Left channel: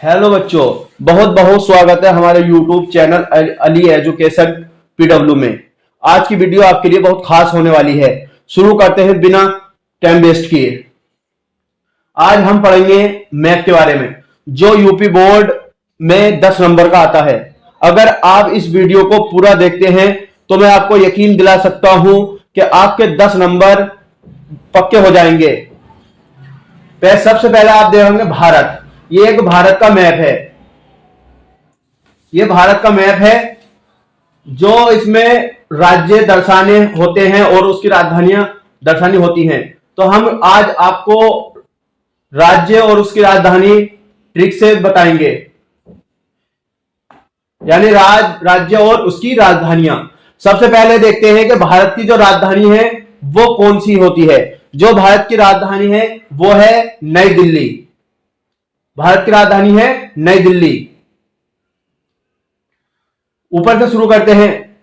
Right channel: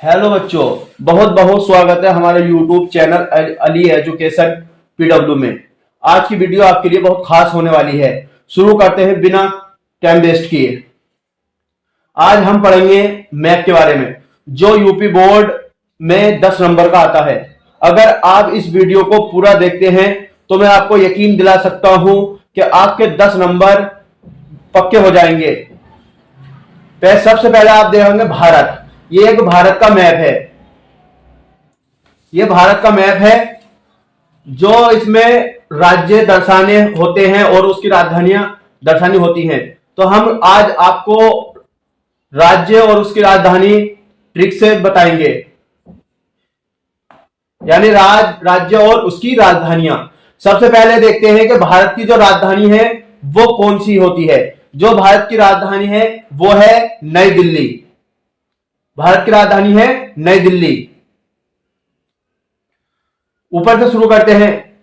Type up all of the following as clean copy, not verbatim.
Hello बच्चों, बहुत बहुत स्वागत है हमारे YouTube channel Ali education PW में। आज की वीडियो आपके लिए बहुत खास होने वाली है। शुरू करते हैं बिना टाइम वेस्ट किए। आज हम पढ़ेंगे मैथ के बारे में, जो यूपी बोर्ड में 10 नंबर का आता है। अगर आप इस वीडियो को पूरा देखते हैं तो मैं आपको यकीन दिला सकता हूं कि आपके 10 नंबर पक्के हो जाएंगे। सबसे पहले आप देखेंगे भारत। ये एक भारत का मैप है। ये भारत का मैप है जो इसमें राज्य दर्शाने होते हैं और उसकी राजधानियां दर्शानी होती हैं। तो हम आज आपको राज्य और उसकी राजधानी ट्रिक से बताएंगे, यानी राज्य और उसकी राजधानियां। सबसे पहले देखते हैं कि भारत की जो राजधानी है वो कौन सी होती है। जो भारत की राजधानी है वो है नई दिल्ली। भारत की राजधानी है नई दिल्ली। ऊपर से शुरू करते हैं।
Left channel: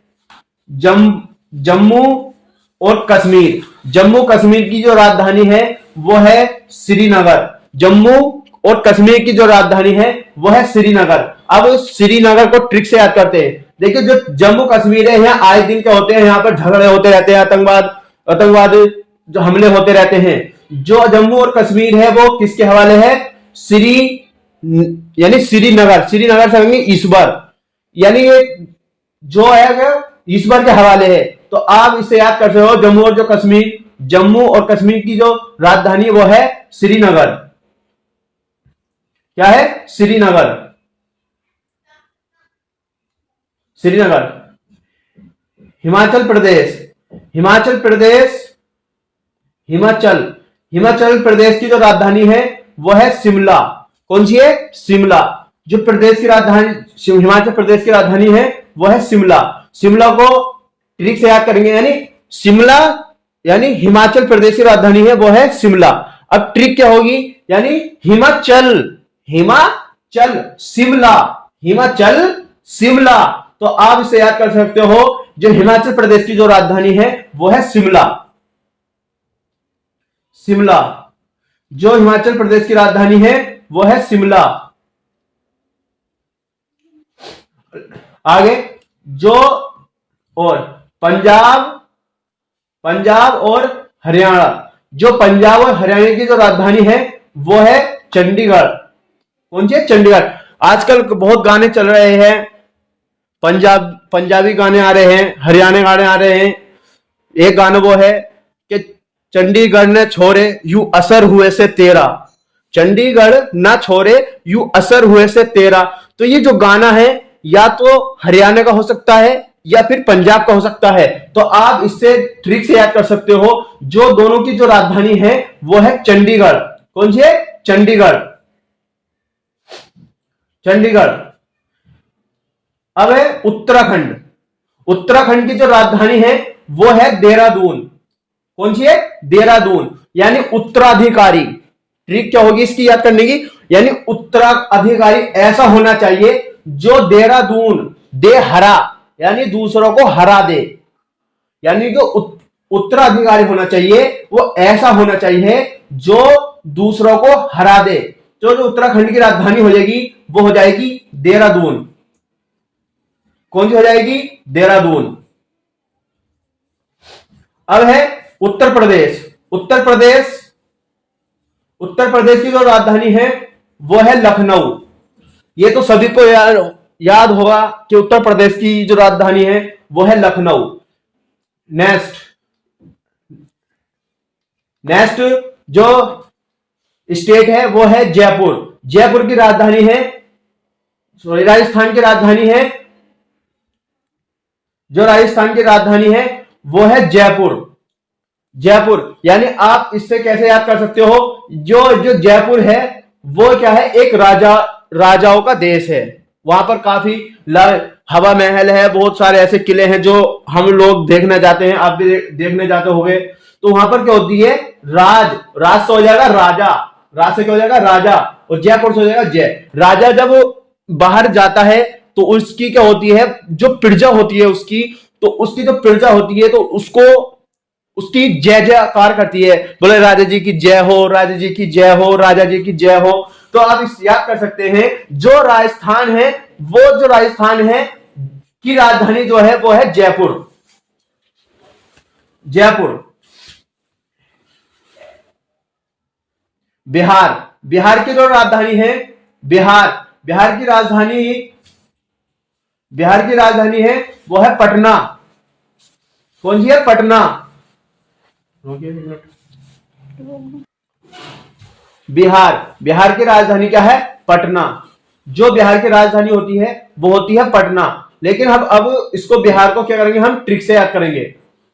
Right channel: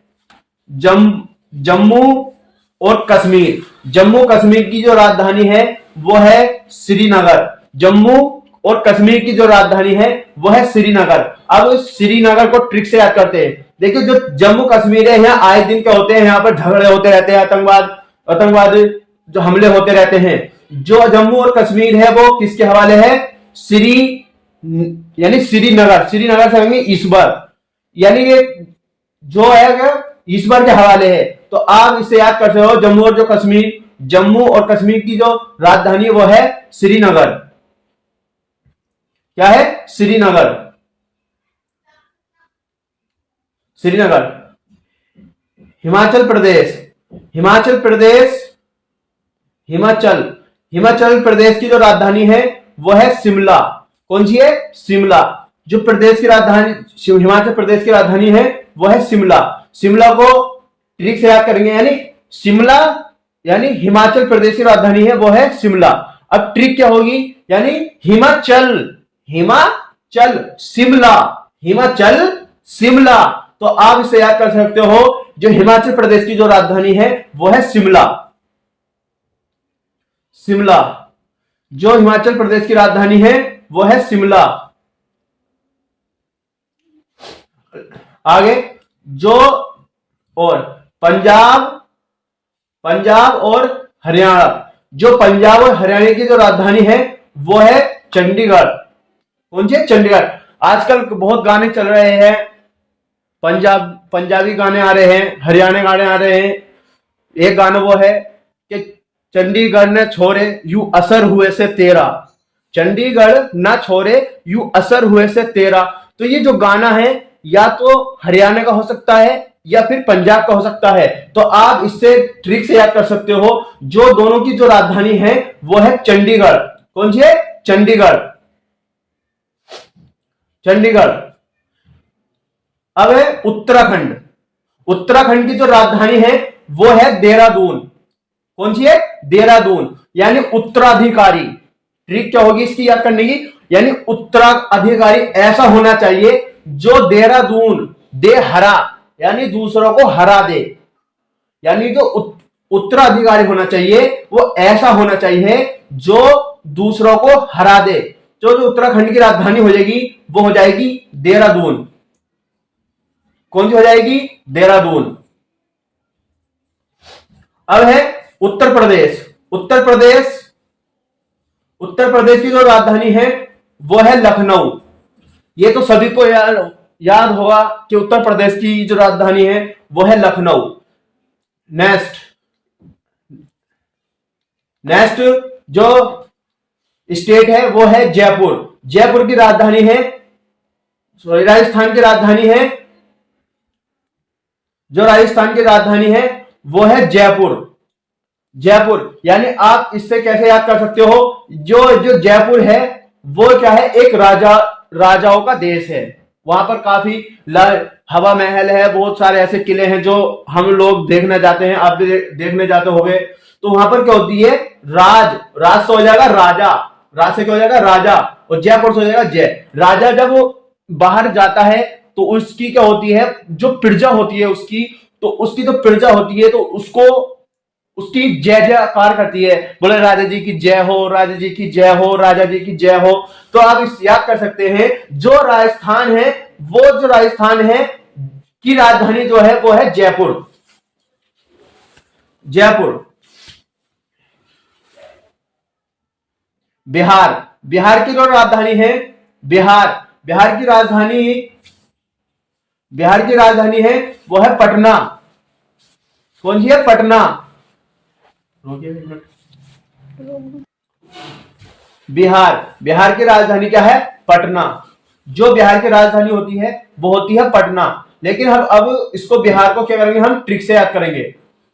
जम्मू और कश्मीर। जम्मू कश्मीर की जो राजधानी है वो है श्रीनगर। जम्मू और कश्मीर की जो राजधानी है वो है श्रीनगर। अब श्रीनगर को ट्रिक से याद करते हैं। देखिए, जो जम्मू कश्मीर है यहाँ आए दिन क्या होते हैं, यहाँ पर झगड़े होते रहते हैं, आतंकवाद जो हमले होते रहते हैं। जो जम्मू और कश्मीर है वो किसके हवाले है? यानी श्रीनगर। श्रीनगर से कहेंगे ईश्वर, यानी जो है ईश्वर के हवाले है। तो आप इसे याद कर सकते हो। जम्मू और कश्मीर की जो राजधानी वो है श्रीनगर। क्या है? श्रीनगर। श्रीनगर। हिमाचल प्रदेश। हिमाचल प्रदेश की जो राजधानी है वो है शिमला। कौन सी है? शिमला। जो प्रदेश की राजधानी हिमाचल प्रदेश की राजधानी है वो है शिमला। शिमला को ट्रिक से याद करेंगे, यानी शिमला यानी हिमाचल प्रदेश की राजधानी है वो है शिमला। अब ट्रिक क्या होगी? यानी हिमाचल शिमला। तो आप इसे याद कर सकते हो। जो हिमाचल प्रदेश की जो राजधानी है वो है शिमला। जो हिमाचल प्रदेश की राजधानी है वो है शिमला। आगे जो और पंजाब और हरियाणा। जो पंजाब और हरियाणा की जो राजधानी है वो है चंडीगढ़। कौन सी है? चंडीगढ़। आजकल बहुत गाने चल रहे हैं, पंजाबी गाने आ रहे हैं, हरियाणा गाने आ रहे हैं। एक गाना वो है कि चंडीगढ़ न छोरे यू असर हुए से तेरा। चंडीगढ़ ना छोरे यू असर हुए से तेरा। तो ये जो गाना है या तो हरियाणा का हो सकता है या फिर पंजाब का हो सकता है। तो आप इससे ट्रिक से याद कर सकते हो। जो दोनों की जो राजधानी है वो है चंडीगढ़। कौन सी है? चंडीगढ़। अब है उत्तराखंड। उत्तराखंड की जो राजधानी है वो है देहरादून। कौन सी है? देहरादून। यानी उत्तराधिकारी। ट्रिक क्या होगी इसकी याद करने की? यानी उत्तराधिकारी ऐसा होना चाहिए जो देहरादून दे हरा, यानी दूसरों को हरा दे। यानी जो उत्तराधिकारी होना चाहिए वो ऐसा होना चाहिए जो दूसरों को हरा दे। जो उत्तराखंड की राजधानी हो जाएगी वो हो जाएगी देहरादून। कौन सी हो जाएगी? देहरादून। अब है उत्तर प्रदेश की जो राजधानी है वो है लखनऊ। ये तो सभी को याद होगा कि उत्तर प्रदेश की जो राजधानी है वो है लखनऊ। नेक्स्ट जो स्टेट है वो है जयपुर। जयपुर की राजधानी है, राजस्थान की राजधानी है। जो राजस्थान की राजधानी है वो है जयपुर। यानी आप इससे कैसे याद कर सकते हो? जो जयपुर है वो क्या है? एक राजाओं का देश है। वहां पर काफी हवा महल है, बहुत सारे ऐसे किले हैं जो हम लोग देखने जाते हैं। आप भी देखने जाते होंगे। तो वहां पर क्या होती है? राज से हो जाएगा राजा, राज से क्या हो जाएगा? राजा। और जयपुर से हो जाएगा जय। राजा जब वो बाहर जाता है तो उसकी क्या होती है? जो प्रजा होती है उसकी जो प्रजा होती है तो उसकी जय जयकार करती है। बोले राजा जी की जय हो, राजा जी की जय हो, राजा जी की जय हो। तो तो आप इस याद कर सकते हैं, जो राजस्थान है, वो जो राजस्थान है की राजधानी जो है वो है जयपुर। जयपुर। बिहार, बिहार की जो राजधानी है, बिहार की राजधानी, बिहार की राजधानी है वो है पटना। कौन सी है? पटना। बिहार की राजधानी क्या है? पटना। जो बिहार की राजधानी होती है वो होती है पटना। लेकिन हम अब इसको बिहार को क्या करेंगे, हम ट्रिक से याद करेंगे।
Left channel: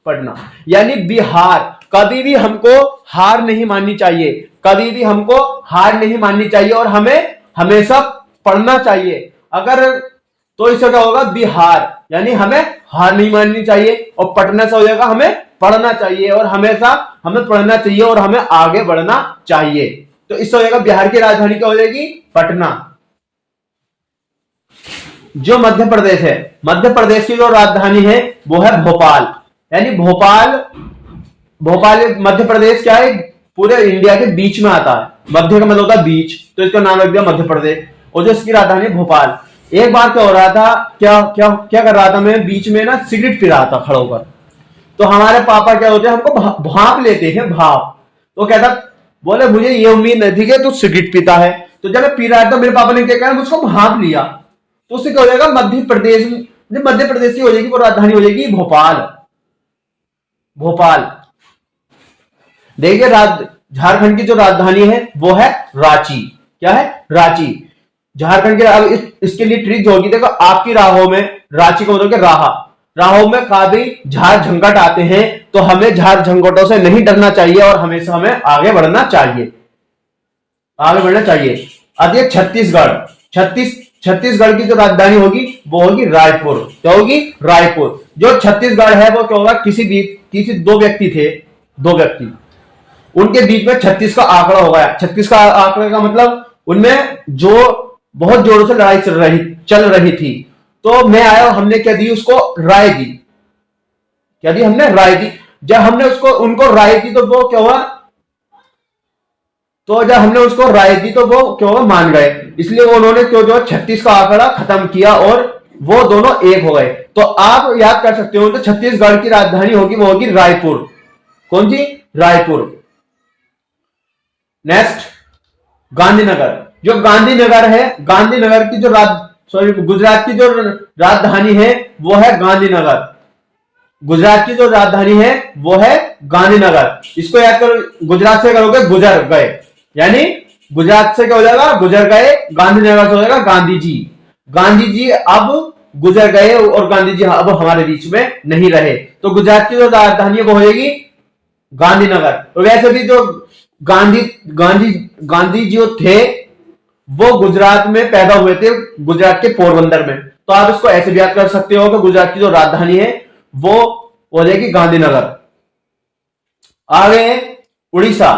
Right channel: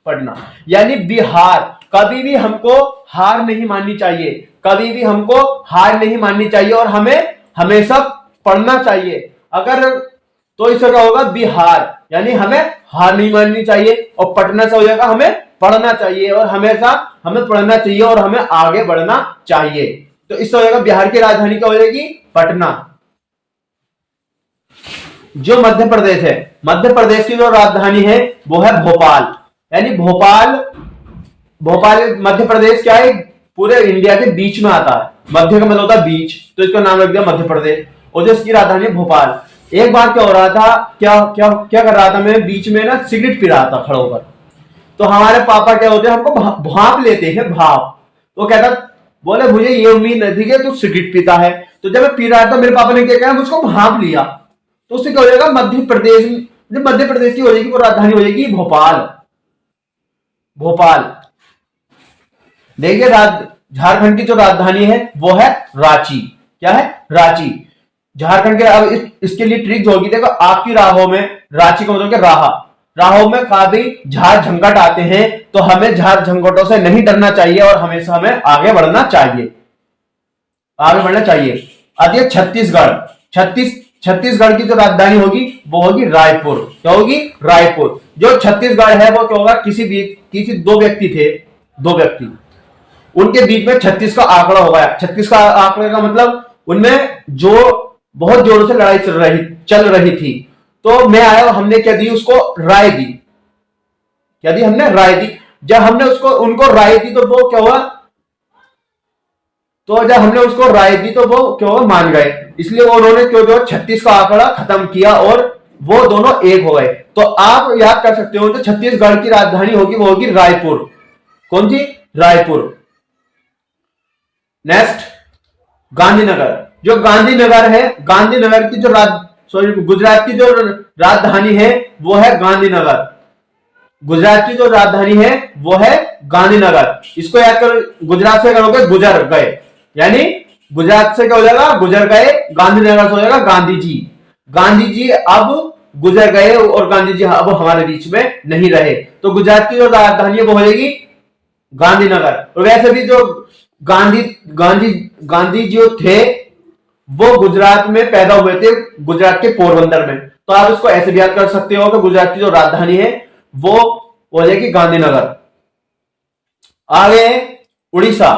पटना यानी बिहार। कभी भी हमको हार नहीं माननी चाहिए, कभी भी हमको हार नहीं माननी चाहिए और हमें हमेशा पढ़ना चाहिए। अगर तो इससे क्या होगा, बिहार यानी हमें हार नहीं माननी चाहिए, और पटना से हो जाएगा हमें पढ़ना चाहिए, और हमेशा हमें पढ़ना चाहिए और हमें आगे बढ़ना चाहिए। तो इससे हो जाएगा बिहार की राजधानी क्या हो जाएगी? पटना। जो मध्य प्रदेश है, मध्य प्रदेश की जो राजधानी है वो है भोपाल। यानी भोपाल, भोपाल मध्य प्रदेश क्या है, पूरे इंडिया के बीच में आता है। मध्य का मतलब होता है बीच, तो इसका नाम रख दिया मध्य प्रदेश। और जो इसकी राजधानी है भोपाल। एक बार क्या हो रहा था, क्या क्या क्या कर रहा था मैं, बीच में ना सिगरेट पी रहा था खड़ा होकर। तो हमारे पापा क्या होते हैं, हमको भाप लेते हैं, भाप। तो कहता, बोले मुझे ये उम्मीद नहीं थी कि तू सिगरेट पीता है। तो जब मैं पी रहा था, मेरे पापा ने क्या कहा, मुझको भाप लिया। तो उससे क्या हो जाएगा, मध्य प्रदेश, मध्य प्रदेश की हो जाएगी वो राजधानी हो जाएगी भोपाल। भोपाल। देखिए, झारखंड की जो राजधानी है वो है रांची। क्या है? रांची। झारखंड के, अब इसके लिए ट्रिक होगी, देखो आपकी राहों में, रांची को मतलब राहा, राहों में काफी झार झंकट आते हैं, तो हमें झार झंकटों से नहीं डरना चाहिए और हमेशा हमें आगे बढ़ना चाहिए, आगे बढ़ना चाहिए। अब ये छत्तीसगढ़, छत्तीसगढ़ की जो राजधानी होगी वो होगी रायपुर। क्या होगी? रायपुर। जो छत्तीसगढ़ है वो क्या होगा, किसी दो व्यक्ति थे, दो व्यक्ति, उनके बीच में 36 का आंकड़ा हो गया। 36 का आंकड़े का मतलब उनमें जो बहुत जोरों से लड़ाई चल रही थी। तो मैं आया, हमने क्या दी उसको, राय दी। क्या दी हमने? राय दी। जब हमने उनको राय दी तो वो क्या हुआ, तो जब हमने उसको राय दी तो वो क्या हुआ, मान गए। इसलिए उन्होंने क्यों जो 36 का आंकड़ा खत्म किया और वो दोनों एक हो गए। तो आप याद कर सकते हो, तो छत्तीसगढ़ की राजधानी होगी वो होगी रायपुर। कौन सी? रायपुर। नेक्स्ट, गांधीनगर। जो गांधीनगर है, गांधीनगर की जो गुजरात की जो राजधानी है वो है गांधीनगर। गुजरात की जो राजधानी है वो है गांधीनगर। इसको याद करो, गुजरात से करोगे गुजर गए, यानी गुजरात से क्या हो जाएगा, गुजर गए। गांधीनगर से हो जाएगा गांधी जी। गांधी जी अब गुजर गए और गांधी जी अब हमारे बीच में नहीं रहे। तो गुजरात की जो राजधानी है वो हो जाएगी गांधीनगर। और वैसे भी जो गांधी जो थे वो गुजरात में पैदा हुए थे, गुजरात के पोरबंदर में। तो आप इसको ऐसे भी याद कर सकते हो कि गुजरात की जो राजधानी है वो हो जाएगी गांधीनगर। आगे उड़ीसा,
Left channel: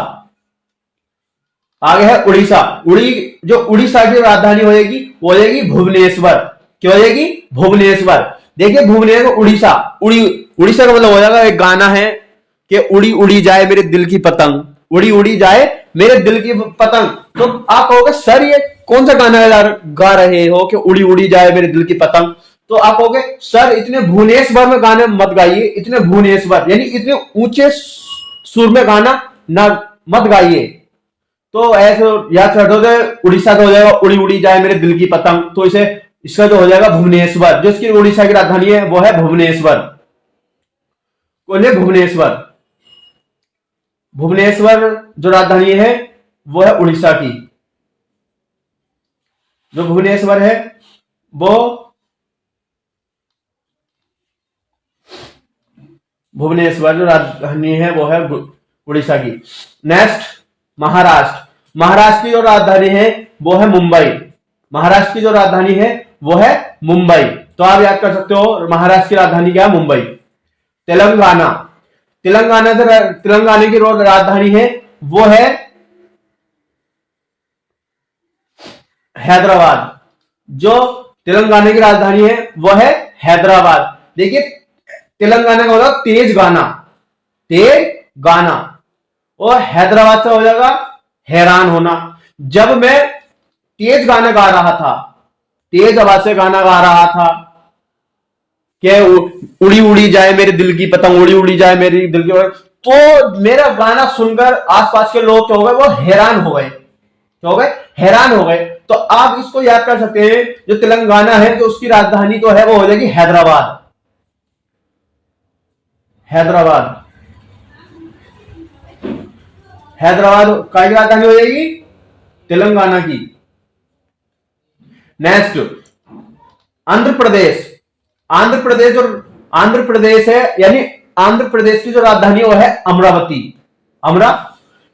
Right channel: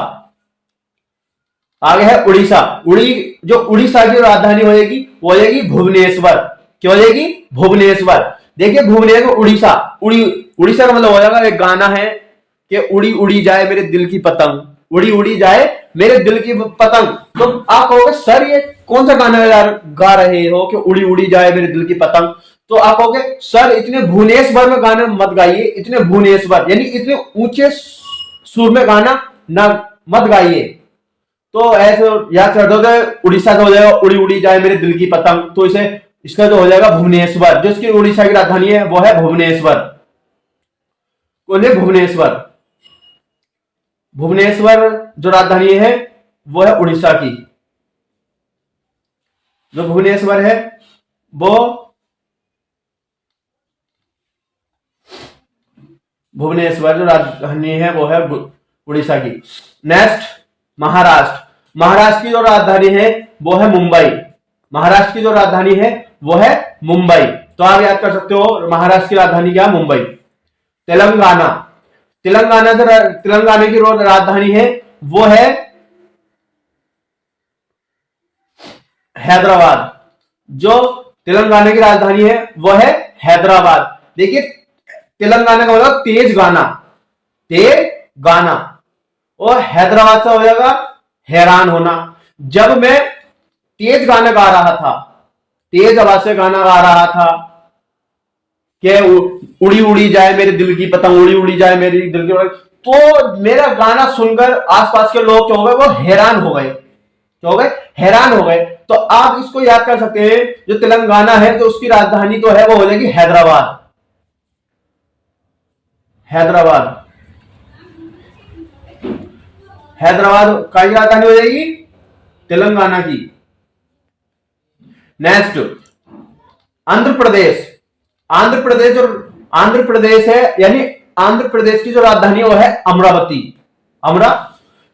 आगे है उड़ीसा। जो उड़ीसा की राजधानी हो जाएगी वो हो जाएगी भुवनेश्वर। क्या हो जाएगी? भुवनेश्वर। देखिए भुवनेश्वर, उड़ीसा, उड़ीसा का मतलब हो जाएगा, एक गाना है कि उड़ी उड़ी जाए मेरे दिल की पतंग, उड़ी उड़ी जाए मेरे दिल की पतंग। तो आप कहोगे सर ये कौन सा गाना है यार गा रहे हो कि उड़ी उड़ी जाए मेरे दिल की पतंग। तो आप कहोगे सर इतने भुवनेश्वर में गाने मत गाइए, इतने भुवनेश्वर यानी इतने ऊंचे सुर में गाना ना मत गाइए। तो ऐसे याद कर दो, उड़ीसा का हो जाएगा उड़ी उड़ी जाए मेरे दिल की पतंग। तो इसे इसका जो हो जाएगा भुवनेश्वर। जो इसकी उड़ीसा की राजधानी है वो है भुवनेश्वर। बोलिए भुवनेश्वर। भुवनेश्वर जो राजधानी है वो है उड़ीसा की। जो भुवनेश्वर है वो भुवनेश्वर जो राजधानी है वो है उड़ीसा की। नेक्स्ट, महाराष्ट्र। महाराष्ट्र की जो राजधानी है वो है मुंबई। महाराष्ट्र की जो राजधानी है वो है मुंबई। तो आप याद कर सकते हो महाराष्ट्र की राजधानी क्या है? मुंबई। तेलंगाना। तेलंगाना की जो राजधानी है वो है हैदराबाद। जो तेलंगाना की राजधानी है वो है हैदराबाद। देखिए तेलंगाना का होगा तेज गाना, तेज गाना। और हैदराबाद से हो जाएगा हैरान होना। जब मैं तेज गाना गा रहा था, तेज आवाज से गाना गा रहा था कि उड़ी उड़ी जाए मेरे दिल की पतंग, उड़ी उड़ी जाए मेरी दिल की पतंग। तो मेरा गाना सुनकर आसपास के लोग क्या हो गए, वो हैरान हो गए, क्या हो गए, हैरान हो गए। तो आप इसको याद कर सकते हैं, जो तेलंगाना है तो उसकी राजधानी तो है वो हो जाएगी हैदराबाद, हैदराबाद, हैदराबाद का राजधानी हो जाएगी तेलंगाना की। नेक्स्ट आंध्र प्रदेश, आंध्र प्रदेश, और आंध्र प्रदेश है यानी आंध्र प्रदेश की जो राजधानी है वो है अमरावती, अमरा।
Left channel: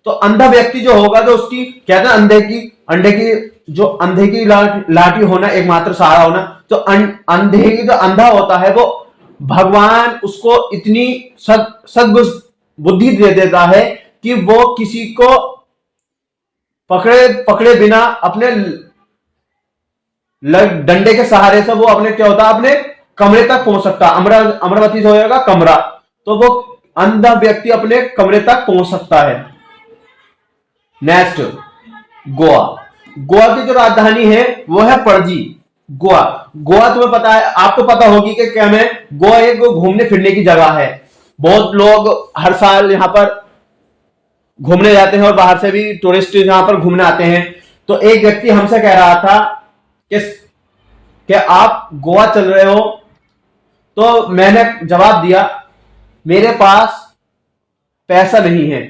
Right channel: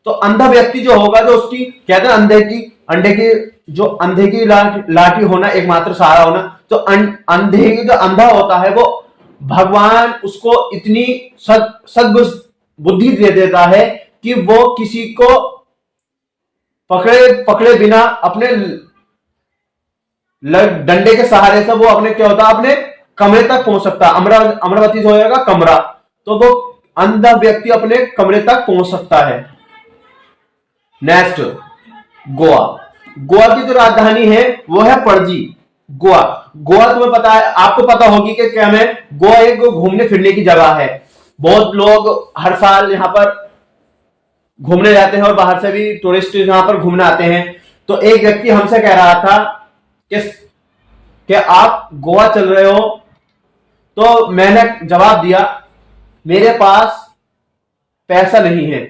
तो अंधा व्यक्ति जो होगा, जो उसकी कहते हैं अंधे की जो अंधे की लाठी होना, एकमात्र सहारा होना। तो अंधे की जो अंधा होता है वो भगवान उसको इतनी सद्बुद्धि दे देता है कि वो किसी को पकड़े पकड़े बिना अपने डंडे के सहारे से वो अपने क्या होता है, अपने कमरे तक पहुंच सकता है। अमरावती से हो जाएगा कमरा, तो वो अंधा व्यक्ति अपने कमरे तक पहुंच सकता है। नेक्स्ट गोवा, गोवा की जो राजधानी है वो है पणजी, गोवा। गोवा तुम्हें पता है, आपको पता होगी कि क्या है, गोवा एक घूमने फिरने की जगह है। बहुत लोग हर साल यहां पर घूमने जाते हैं और बाहर से भी टूरिस्ट यहां पर घूमने आते हैं। तो एक व्यक्ति हमसे कह रहा था कि आप गोवा चल रहे हो, तो मैंने जवाब दिया मेरे पास पैसा नहीं है,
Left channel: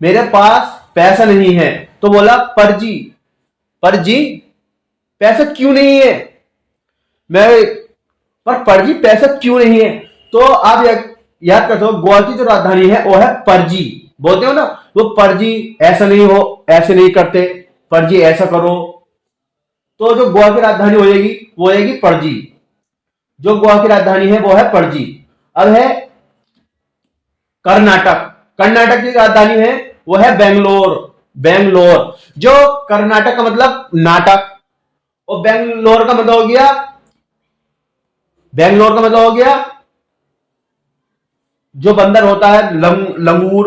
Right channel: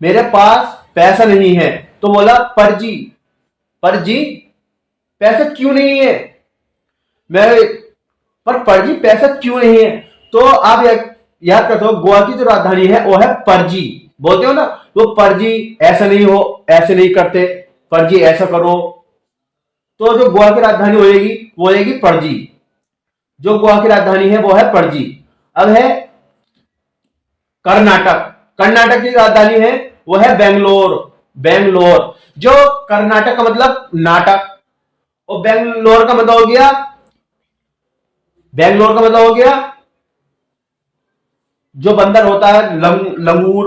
मेरे पास पैसा नहीं है। तो बोला परजी, परजी पैसा क्यों नहीं है, मैं पर परजी पैसा क्यों नहीं है। तो आप याद करते हो गोवा की जो राजधानी है वो है परजी, बोलते हो ना वो परजी, ऐसा नहीं हो, ऐसे नहीं करते, परजी ऐसा करो। तो जो गोवा की राजधानी होगी वो होगी पणजी, जो गोवा की राजधानी है वो है पणजी। अब है कर्नाटक, कर्नाटक की राजधानी है वो है बेंगलोर, बेंगलोर। जो कर्नाटक का मतलब नाटक, और बेंगलोर का मतलब हो गया, बेंगलोर का मतलब हो गया जो बंदर होता है लंगूर।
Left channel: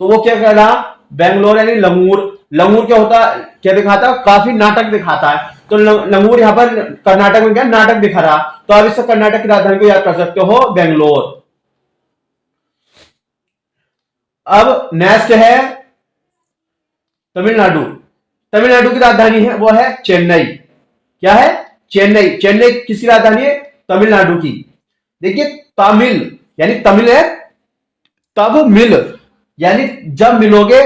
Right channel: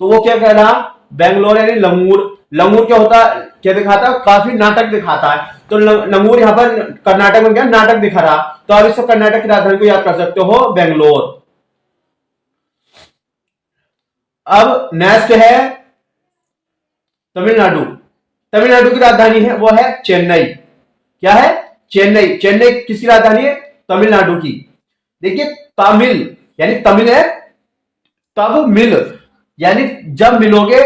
तो वो क्या कह रहा, बेंगलोर यानी लंगूर। लंगूर क्या होता, क्या दिखाता है, काफी नाटक दिखाता है। तो लंगूर यहां पर कर्नाटक में क्या नाटक दिखा रहा। तो आप इससे कर्नाटक की राजधानी को याद कर सकते हो बेंगलोर। अब नेक्स्ट है तमिलनाडु, तमिलनाडु की राजधानी है वो है चेन्नई, क्या है, चेन्नई। चेन्नई किसकी राजधानी है, तमिलनाडु की। देखिए तमिल यानी तमिल है, तब मिल यानी जब मिलोगे,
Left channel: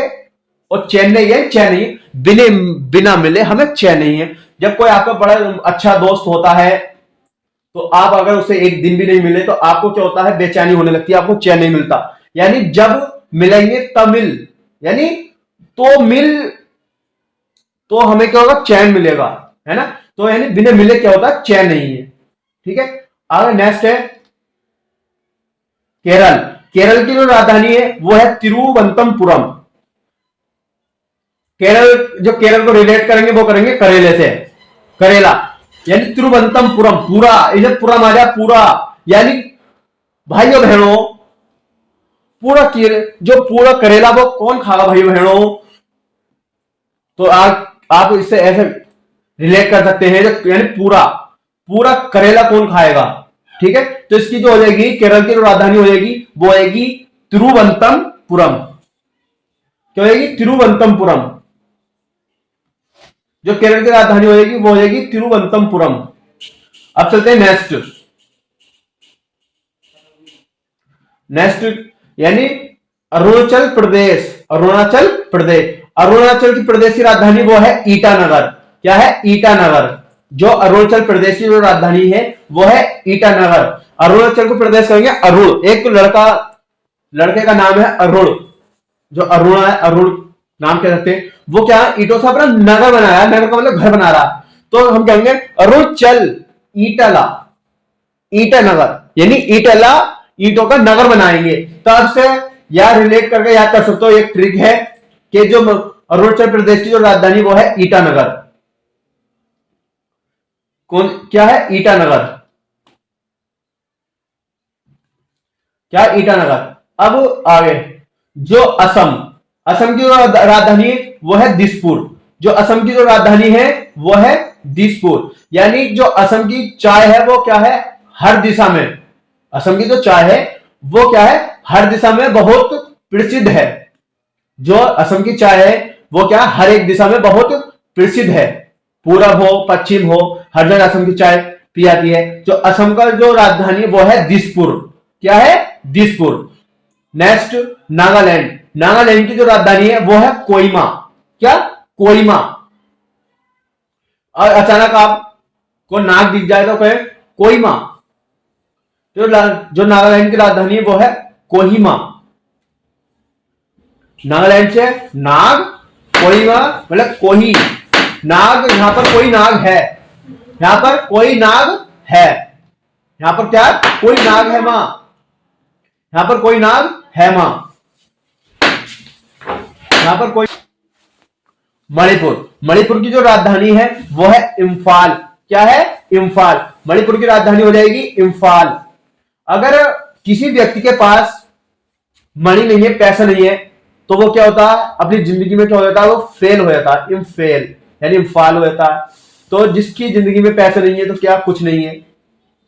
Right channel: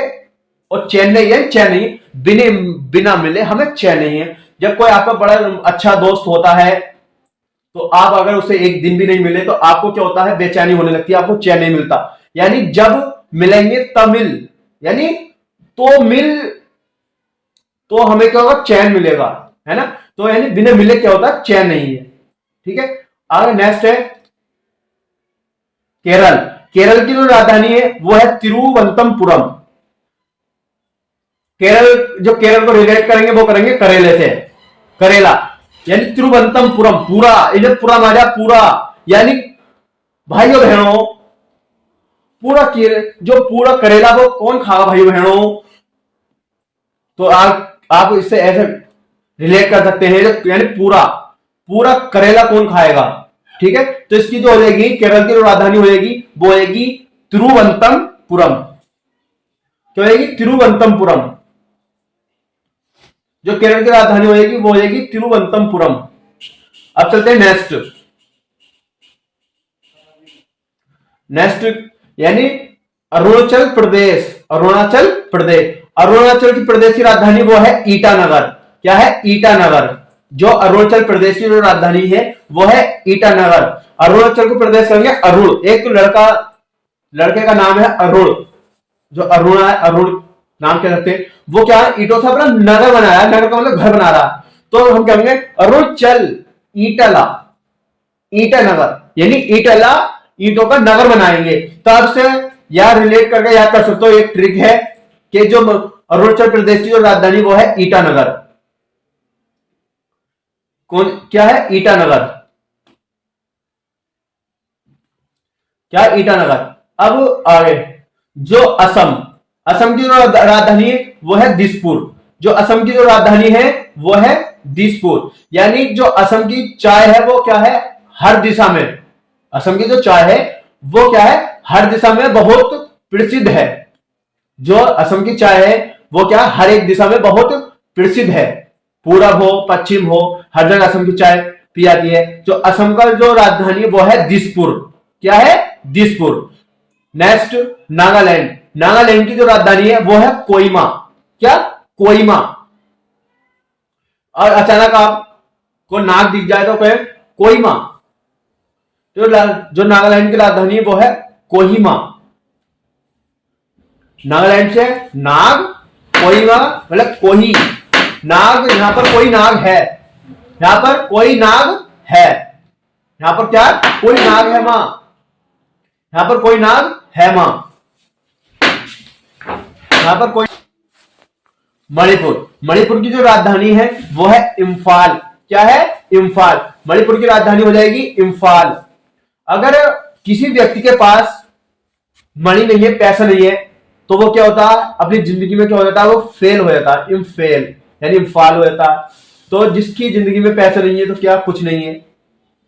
और चेन्नई है, चेन्नई बिना बिना मिले हमें चेन्नई है। जब कोई आपका बड़ा अच्छा दोस्त होता है तो आप अगर उसे एक दिन भी नहीं मिले तो आपको क्या होता है, बेचैनी होने लगती है, आपको चैन नहीं मिलता। यानी जब मिलेंगे तब मिल, यानी तो मिल, तो हमें क्या होगा, चैन मिलेगा, है ना। तो यानी बिना मिले क्या होता है, चैन नहीं है, ठीक है। आगे नेक्स्ट है केरल, केरल की जो राजधानी है वो है तिरुवनंतपुरम। केरल, जो केरल को रिलेट करेंगे वो करेंगे करेले से, करेला यानी तिरुवनंतपुरम, पूरा इधर पूरा माजा पूरा, यानी भाइयों बहनों पूरा जो पूरा करेला वो कौन खागा भाइयों बहनों। तो आप इससे ऐसे रिलेट कर सकते हैं, यानी पूरा पूरा करेला कौन खाएगा, ठीक है। तो इसकी जो हो जाएगी केरल की जो राजधानी हो जाएगी वो आएगी तिरुवनंतपुरम, क्या होगी, तिरुवनंतपुरम। जो केरल की राजधानी हो जाएगी वो हो जाएगी तिरुवनंतपुरम। अब चलते हैं नेक्स्ट, नेक्स्ट यानी अरुणाचल प्रदेश, अरुणाचल प्रदेश। अरुणाचल की प्रदेश की राजधानी वो है ईटानगर, क्या है, ईटानगर। जो अरुणाचल प्रदेश की जो राजधानी है वो है ईटानगर। अरुणाचल को प्रदेश करेंगे अरुण, एक लड़का, लड़के का नाम है अरुण, जो अरुणा है, अरुण नाम कह सकते हैं। वो क्या ईटों से अपना नगर बनाया, नगर का मतलब घर बना रहा। तो हम कहेंगे अरुणाचल ईटला, ईटानगर यानी ईटला ईटों का नगर बनाएंगे। तो अब से यार रिलेट करके याद कर सकते हो, एक ट्रिक है कि जो अरुणाचल प्रदेश की जो राजधानी वो है ईटानगर, कौन, क्या है, ईटानगर, क्या, ईटानगर। अब आगे जो असम, असम की राजधानी वो है दिसपुर, जो असम की जो राजधानी है वो है दिसपुर। यानी जो असम की चाय है वो क्या है, हर दिशा में, असम की जो चाय है वो क्या है, हर दिशा में बहुत प्रसिद्ध है। जो असम की चाय है वो क्या, हर एक दिशा में बहुत प्रसिद्ध है। पूरब हो पश्चिम हो, हर जगह असम की चाय पी जाती है। जो असम का जो राजधानी है वो है दिसपुर। क्या है, दिसपुर। नेक्स्ट नागालैंड। नागालैंड की जो राजधानी है वो है कोहिमा। क्या, कोहिमा। और अचानक आपको नाग दिख जाए तो कहे कोहिमा। जो नागालैंड की राजधानी है वो है कोहिमा। नागालैंड से नाग, कोहिमा मतलब कोही, नाग, यहां पर कोई नाग है, यहां पर कोई नाग है, यहां पर क्या, कोई नाग है मां, यहां पर कोई नाग है मां, यहां पर कोई। मणिपुर। मणिपुर की जो राजधानी है वो है इम्फाल। क्या है, इम्फाल। मणिपुर की राजधानी हो जाएगी इम्फाल। अगर किसी व्यक्ति के पास मनी नहीं है, पैसा नहीं है, तो वो क्या होता है, अपनी जिंदगी में क्या हो जाता है, वो फेल हो जाता है, इम्फेल यानी इम्फाल हो जाता है। तो जिसकी जिंदगी में पैसा नहीं है तो क्या, कुछ नहीं है,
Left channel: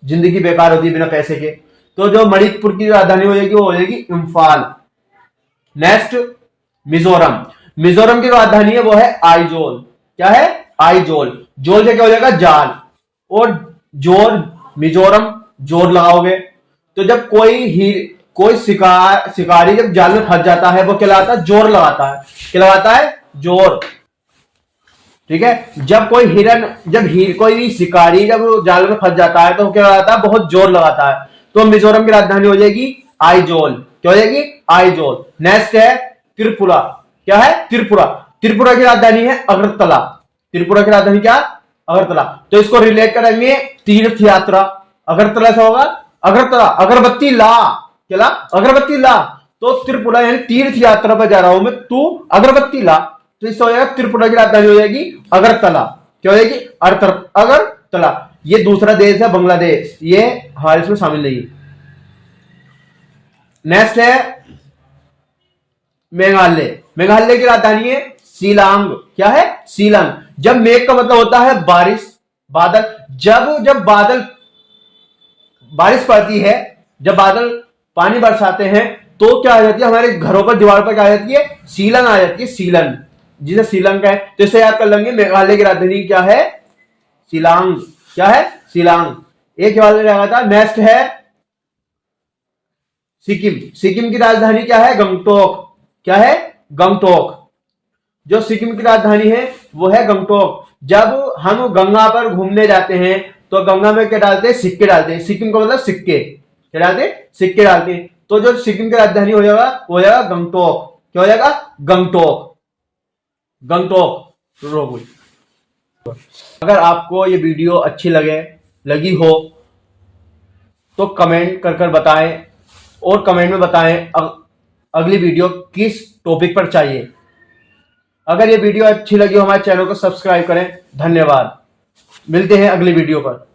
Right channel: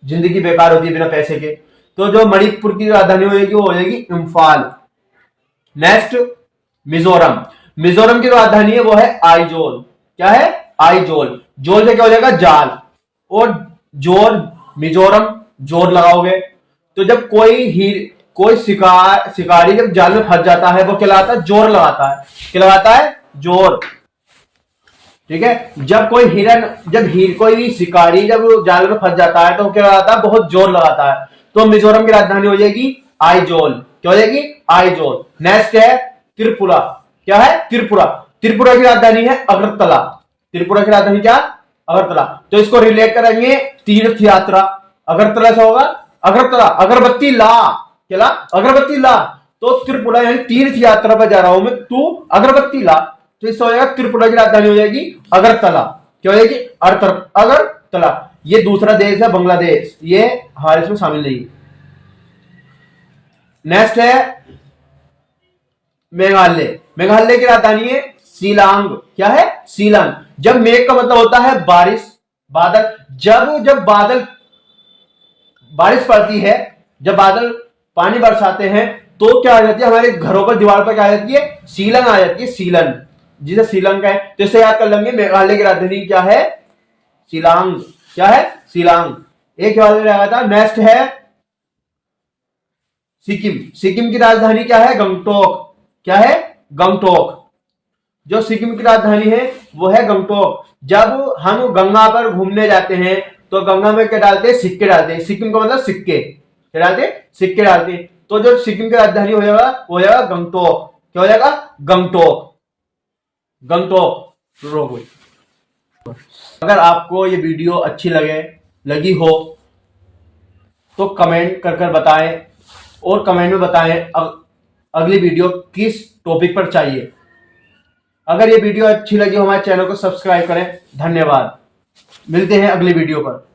जिंदगी बेकार होती है बिना पैसे के। तो जो मणिपुर की राजधानी हो जाएगी वो हो जाएगी इम्फाल। नेक्स्ट मिजोरम। मिजोरम की राजधानी है वो है आइजोल। क्या है, आइजोल। जोल से क्या हो जाएगा, जाल, और जोर, मिजोरम, जोर लगाओगे तो जब कोई शिकारी जब जाल में फंस जाता है वो क्या लगाता है, जोर लगाता है। क्या लगाता है, जोर। ठीक है, जब कोई कोई भी शिकारी जब जाल में फंस जाता है तो क्या लगाता है, बहुत जोर लगाता है। तो मिजोरम की राजधानी हो जाएगी आइजोल। क्या हो जाएगी, आइजोल। नेक्स्ट है त्रिपुरा। क्या है, त्रिपुरा। त्रिपुरा की राजधानी है अगरतला। त्रिपुरा की राजधानी क्या, अगरतला। तो इसको रिलेट करेंगे तीर्थ यात्रा। अगरतला से होगा अगरतला, अगरबत्ती ला, क्या ला, अगरबत्ती ला। तो त्रिपुरा यानी तीर्थ यात्रा पर जा रहा हूं मैं, तू अगरबत्ती ला। तो इससे हो जाएगा त्रिपुरा की राजधानी हो जाएगी अगरतला। क्या हो जाएगी, अगरतला। ये दूसरा देश है बांग्लादेश, ये हमारे इसमें शामिल नहीं है। नेक्स्ट है मेघालय। मेघालय की राजधानी है शिलांग। क्या है, शिलांग। जब मेघ का मतलब होता है बारिश, बादल। जब बादल, बारिश पड़ती है, जब बादल पानी बरसाते हैं तो क्या आ जाती है, हमारे घरों पर दीवार पर क्या आ जाती है, सीलन आ जाती है, सीलन, जिसे सीलन का है। तो इसे याद कर लेंगे, मेघालय की राजधानी क्या है, शिलांग। क्या है, शिलांग। एक याद रहेगा था। नेक्स्ट है सिक्किम। सिक्किम की राजधानी क्या है, गंगटोक। क्या है, गंगटोक। जो सिक्किम की राजधानी है वो है गंगटोक। जब हम गंगा पर घूमने जाते हैं तो गंगा में क्या डालते हैं, सिक्के डालते हैं। सिक्किम का मतलब सिक्के, क्या डालते हैं, सिक्के डालते हैं। तो जो सिक्किम की राजधानी हो जाएगा वो हो जाएगा गंगटोक। क्या हो जाएगा, गंगटोक, गंगटोक। अगर आपको ये वीडियो अच्छी लगी हो तो कमेंट कर बताएं, और कमेंट में बताएं अगली वीडियो किस टॉपिक पर चाहिए। अगर ये वीडियो अच्छी लगी हो हमारे चैनल को सब्सक्राइब करें। धन्यवाद, मिलते हैं अगली वीडियो पर।